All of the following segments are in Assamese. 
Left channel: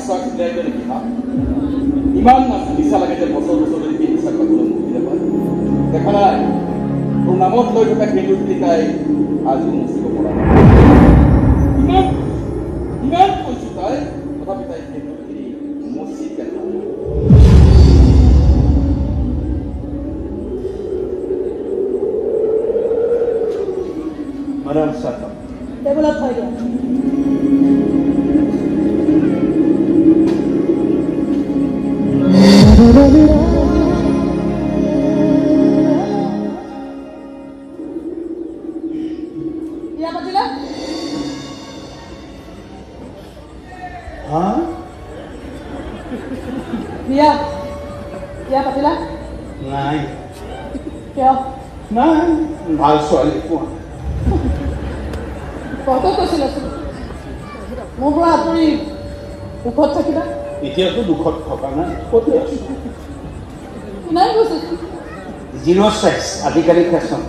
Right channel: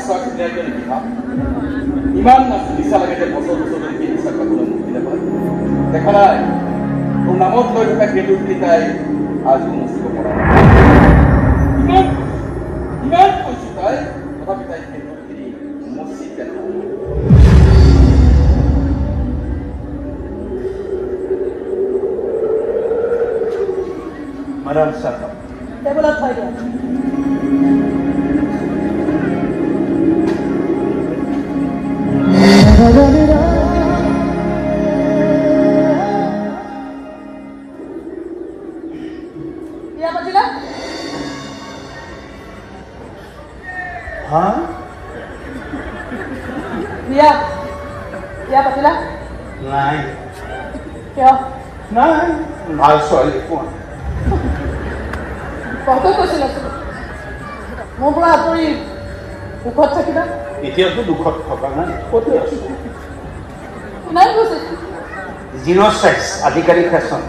বিশ্বাস ন্যায় নেকি ভাব ইমান না নিচা লাগে যে বছর বছর ধরে বিশ্বাস কোনো মুক্তি নাপায় দেখা নাই তোর নামত লৈ থকা কেন্দুখিনি তাই আজিও মুচিব পৰা ইমান ইমান কৈছো তাই তথাপি তাই কেন্দুখিনি মুচি পেলায় Madam Sata. টেবুলত থৈ দিয়া বিয়া পাতিলা Huh? বিয়া বিয়া পাতিলা নাই কিয় নাই ভাল ছোৱালী পোৱা কওঁতে কৈছিলা মোৰ পৰা আঁতৰি সুখত থাকিবা এতিয়াতো দুখত থকা নাই ক'তো আছো নাই কৈছে 06 আধিকাৰিক ফেশ্বন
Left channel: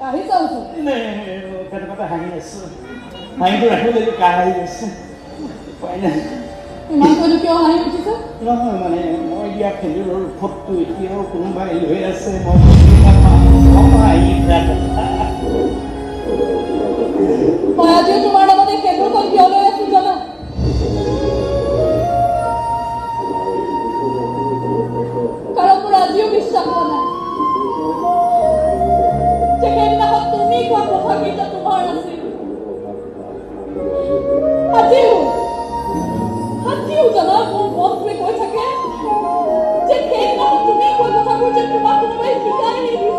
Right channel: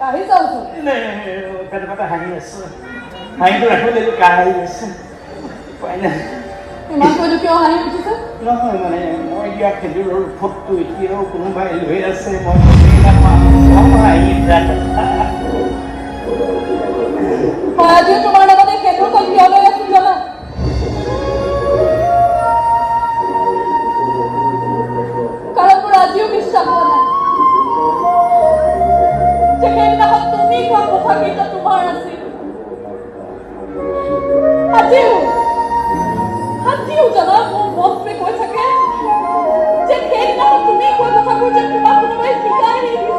কাহি যাওঁছো পেটে পেটে হাঁহি আছে হাঁহিটো ৰাখিবলৈ কাহি আছে উপায় নাই ইমান কৈতো কিয় হাঁহি উঠিছে নহয় মানে মই দিয়া খেজুৰৰ ফুটটো এতিয়াও কোনোবাই লৈ আছে মই আজিও তোমাৰ লগত এই খেজুৰখন কিয় লৈ আছিল জানা কাৰণ মোৰ আজিও বিশ্বাস হোৱা নাই যে সেইদিনাখন তুমি কোৱা কথাকেইটা তোমাৰ আছিল আজিও জানা মোৰ মনটোৱে কৈ থাকে যে সেইদিনাখন তুমি কোৱা কথাবোৰ যে তোমাক কোনোবাই শিকাই নিদিছিল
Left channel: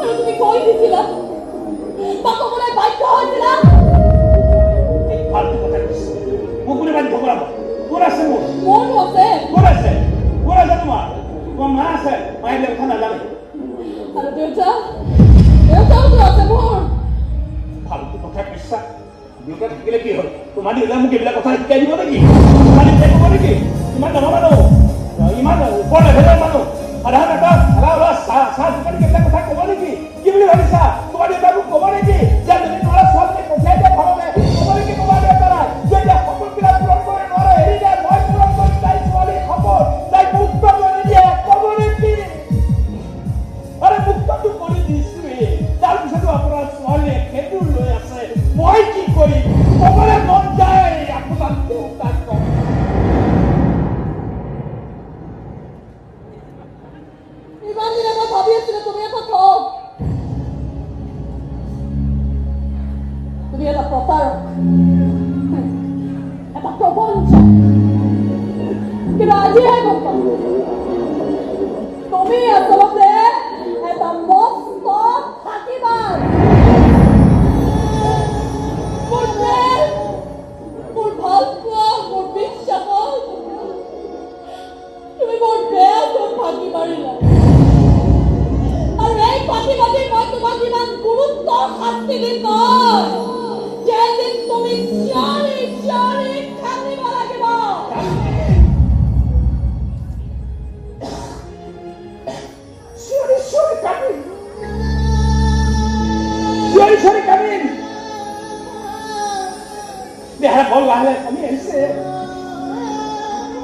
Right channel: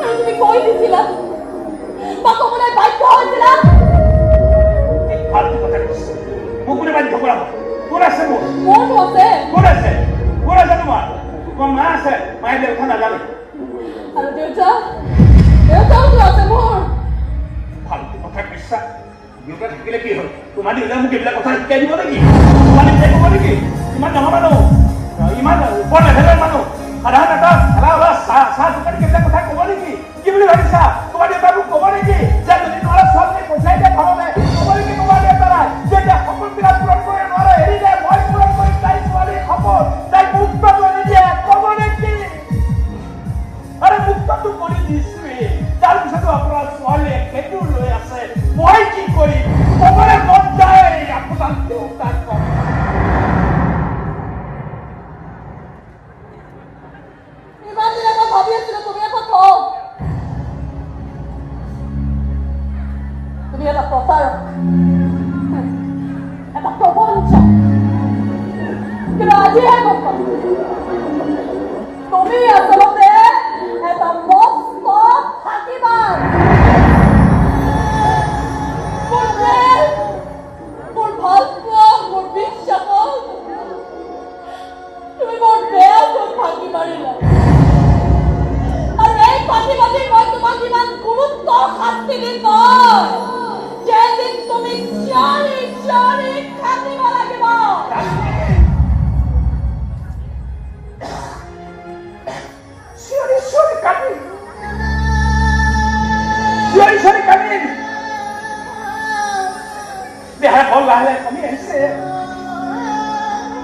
আৰু তুমি কৈ দিছিলা বা ক'বলৈ বাধ্য হৈছিলা মোক কোনে বান্ধি থব কোন আছে মোৰ মনটো আছে কোন আছে তোমাৰ তোমাৰ মা আছে মায়ে দেউতা নাজানে আৰু দেউতাও আছে মোৰ ফাল্টু কথা বিশ্বাস দেউতা থাকিলে কি হ'ল তোমাৰ দেউতাই মোক এইবিলাক কথা শিকাই দিব নেকি তোমাৰ দেউতাই ক'ব নেকি ইমান ডাঙৰ মানুহ ইমান ওপৰ লেভেলৰ মানুহ সাধাৰণ এটা চাহ দোকানী এইবিলাক কথা ক'ব নেকি কি বুলি ভাবিছা তোমাৰ দেউতাই মোক ক'ব নেকি যে যদি নোৱাৰা ছোৱালীজনী পঠিয়াই দিয়ে ঘৰলৈ ক'ব নেকি তোমাৰ দেউতাই যে এতিয়া সপোনবিলাক পূৰণ কৰিব নোৱাৰে এৰি দিয়ে মই পূৰণ কৰিম তাই ছোৱালীৰ সপোন তাইক মুক্ত কৰি দিয়ে ক'ব নেকি আৰে মুক্তটো কৰি দিছোৱেই তাৰপিছতো আপোনাৰ ছোৱালীয়ে খেজুৰ লৈ আছে মই কি কৰিম ক'বলৈ মন যায় আপোনাৰ দেউতাক ইমান দিনে মই ভাবি আছিলো তুমি এটা কওঁ তুমি এটা প্ৰতাৰক এটা প্ৰবঞ্চক কিন্তু আজিহে গম পালো তুমি আচলতে এটা মস্ত ফাঁকিবাজ মোৰ প্ৰেম মোৰ ভালপোৱা মোৰ বিশ্বাসত তুমি বৰ বেয়াকৈ ফাঁকি মাৰিলা আৰু এই ফাঁকিবাজি মই তোমাক ইমান গুৰুত্ব শাস্তি দিম মই যেদিন তুমি চিঞৰি চিঞৰি কান্দিব লাগিব চিঞৰি কান্দিম দেহা বল লাহে কমি আহিছে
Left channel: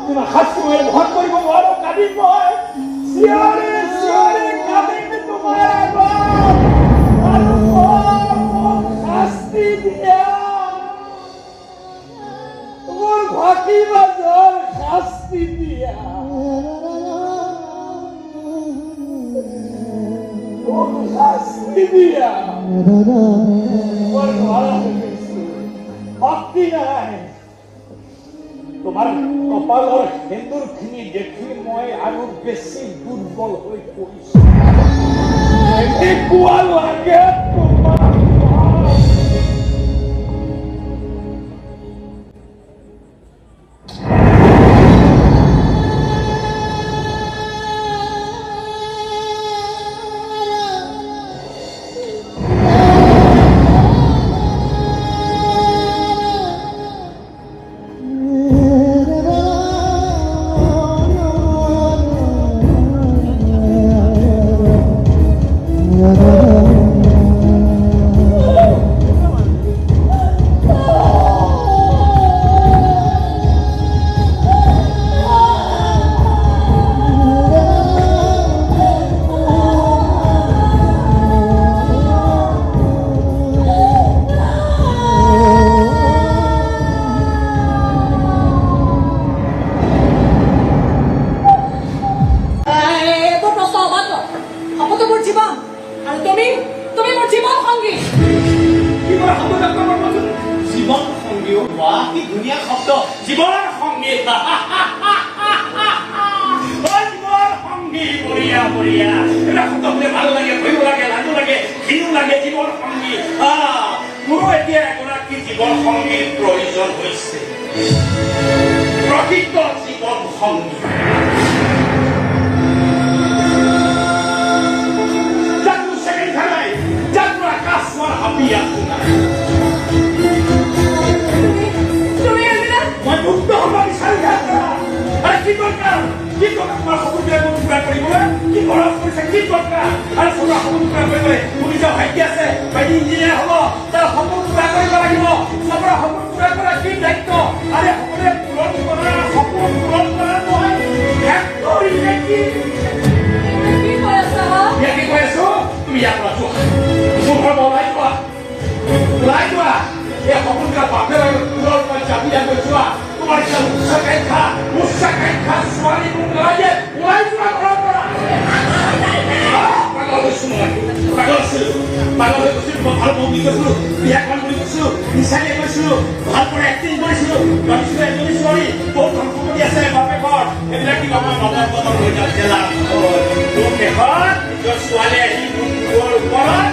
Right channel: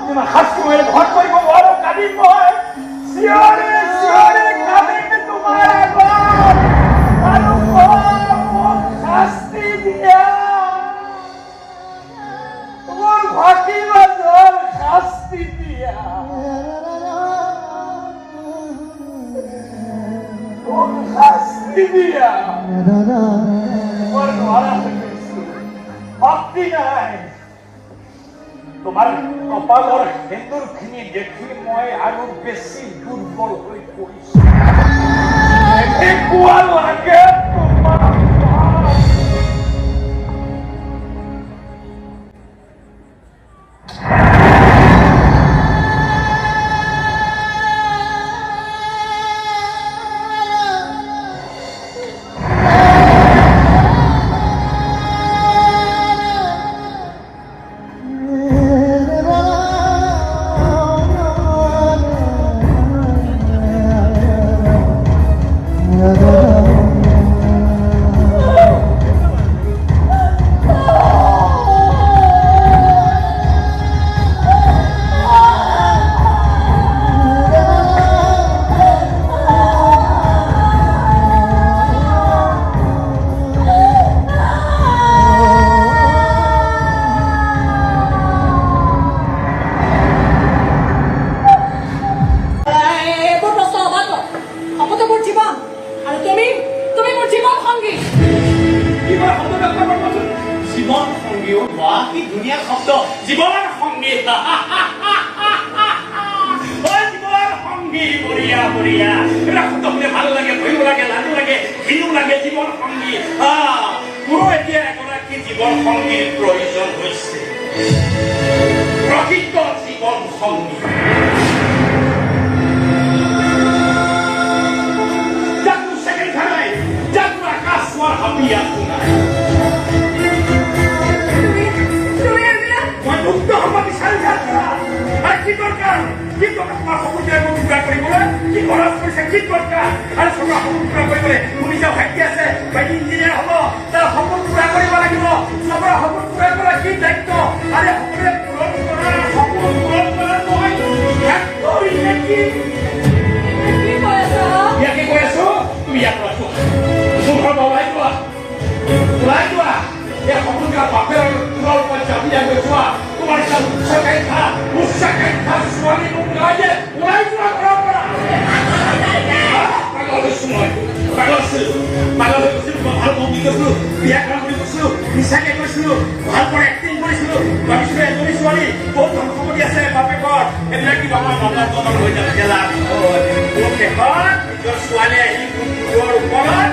তোমাৰ শাস্তি মই বহন কৰিব নোৱাৰো কান্দিম মই চিঞৰি চিঞৰি কান্দিম তোমাৰ আৰু মোক শাস্তি দিয়া মোৰ ফাঁকিবাজৰ শাস্তি দিয়া শাস্তি দিয়া শক্তি নাই তোমাৰ কপালৰ সেন্দুৰখিনি দেখি মই আৰু বেছি দুৰ্বল হৈ পৰিছো এনেকুৱা লাগে তো মোৰ জীৱন আৰু তুমি মোৰ জীৱন সংগী কি বাৰু শব্দ ব্যৱহাৰ কৰিবচোন জীৱন সংগী বা কি ধুনীয়া শব্দ জীৱন সংগী জীৱন সংগী বঢ়িয়া বঢ়িয়া এটা শব্দ শুনে ভাল লাগে ভয়ো লাগে লাজো লাগে ঘিনো লাগে জীৱন সংগী মোৰো এতিয়া এগৰাকী জীৱন সংগীৰ প্ৰয়োজন হৈছে প্ৰকৃত জীৱন সংগী যাকো ছেকেণ্ড খাই যাকো আকাশ চোৱাৰ হাবি আছো নাই মই মুক্ত হ'ব বিচাৰি কি দৰকাৰ তোমাৰ সপোনটোৱে মোক পূৰা কৰিবলৈ কি খৰচ কৰিছে কি দৰকাৰ আৰু তোমাৰ সপোন পূৰা কৰিবলৈ তুমি যে ভাইটি আছে ভাইটি ইঞ্জিনিয়াৰ হ'ব তাৰ সপোন পূৰা কৰিব লাগিব চবৰে সপোন পূৰা কৰা কি দায়িত্ব আৰু সকলোৱে সপোন পূৰণ কৰা নহয় কি কৈ আছো তুমি ইয়াৰ পৰা যোৱা মোৰ ঘৰত ওলাই যোৱা এই সপোনবিলাক বাপেৰ পুৰৰ ওপৰত জাপি যাবলৈ যোৱা তোমাৰ উচ্চাকাংক্ষা ছোৱালী মোক লাগে ওলাই যোৱা ঘৰৰ পৰা পাগল হৈছো মই পাগল হৈ গৈছিলো মই ভাল বন্ধু গৈছিলো বিয়াখন কৰি গৈছিলো নিচাকে গৈছিলো ভাল পৰা এক্টিং কৰিছিলো ভাবিছিলো এজনী ছোৱালী বহুত ধন সম্পত্তি আছে বাপে ঘৰ এইবিলাক কিবা আমাৰ মনৰ মনৰ হৈ যায় মোৰ শেষত নিজৰ ছোৱালী আহি মোৰ ওপৰত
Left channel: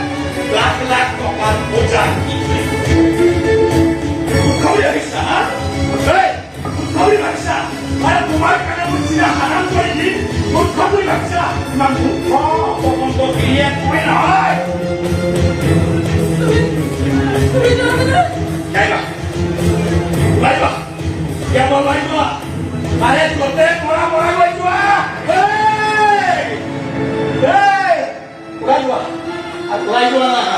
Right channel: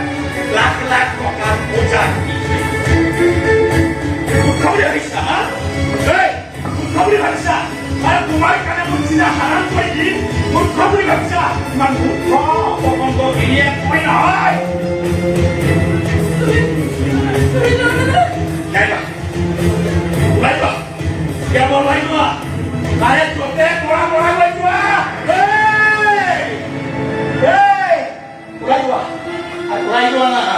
লাখ লাখ টকাৰ বোজা খবৰি ভাবিছা খবৰি ভাবিছা আৰু তোমাৰ কাৰণে মোৰ চিনা হাৰাম কৰি দিম মোৰ খবৰি ভাবিছা ইমান মূৰ্খ অপকণ্ড গিৰিয়ে মই নহয় ওলাই যোৱা ইয়াৰ পৰা ওলাই যোৱা তাৰে য'তে পৰা ওলাই যোৱা ওলাই যোৱা আৰু ওলাই যোৱা না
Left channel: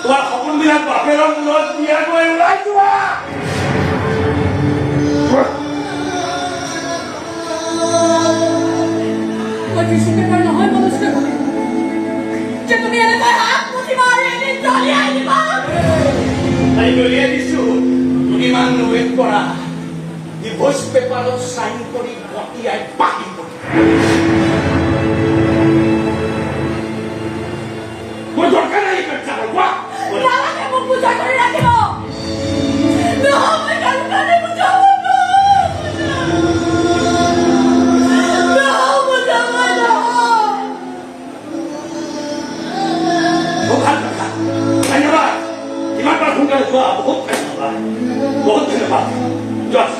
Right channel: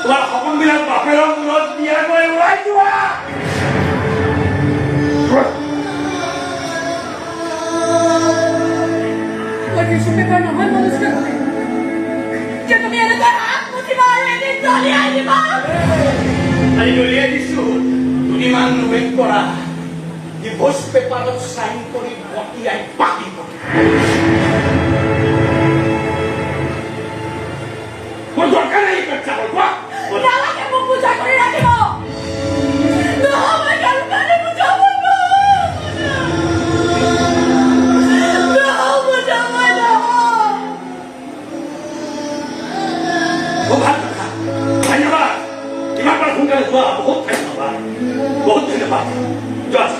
তোমাৰ সপোনবিলাক বাপেৰৰ মূৰত দিয়াকৈ ওলাই যোৱা নহয় মনুষ্য যে তুমি এনেকৈ হাত মুঠি মাৰি এদিন দলিয়াই দিবা আমি দলিয়াই দিছো দুদিনমান ৱেইট কৰা ডিভোৰ্চ পেপাৰত চাইন কৰি পঠিয়াই পাতিব মই দৰকাৰ নাই নালাগে মোক পূজা কৰি ৰাখিব নহয় দৰকাৰী পূজা ধন্যবাদ ইমান সোনকালে যোৱা বহুত ধন্যবাদ যোৱা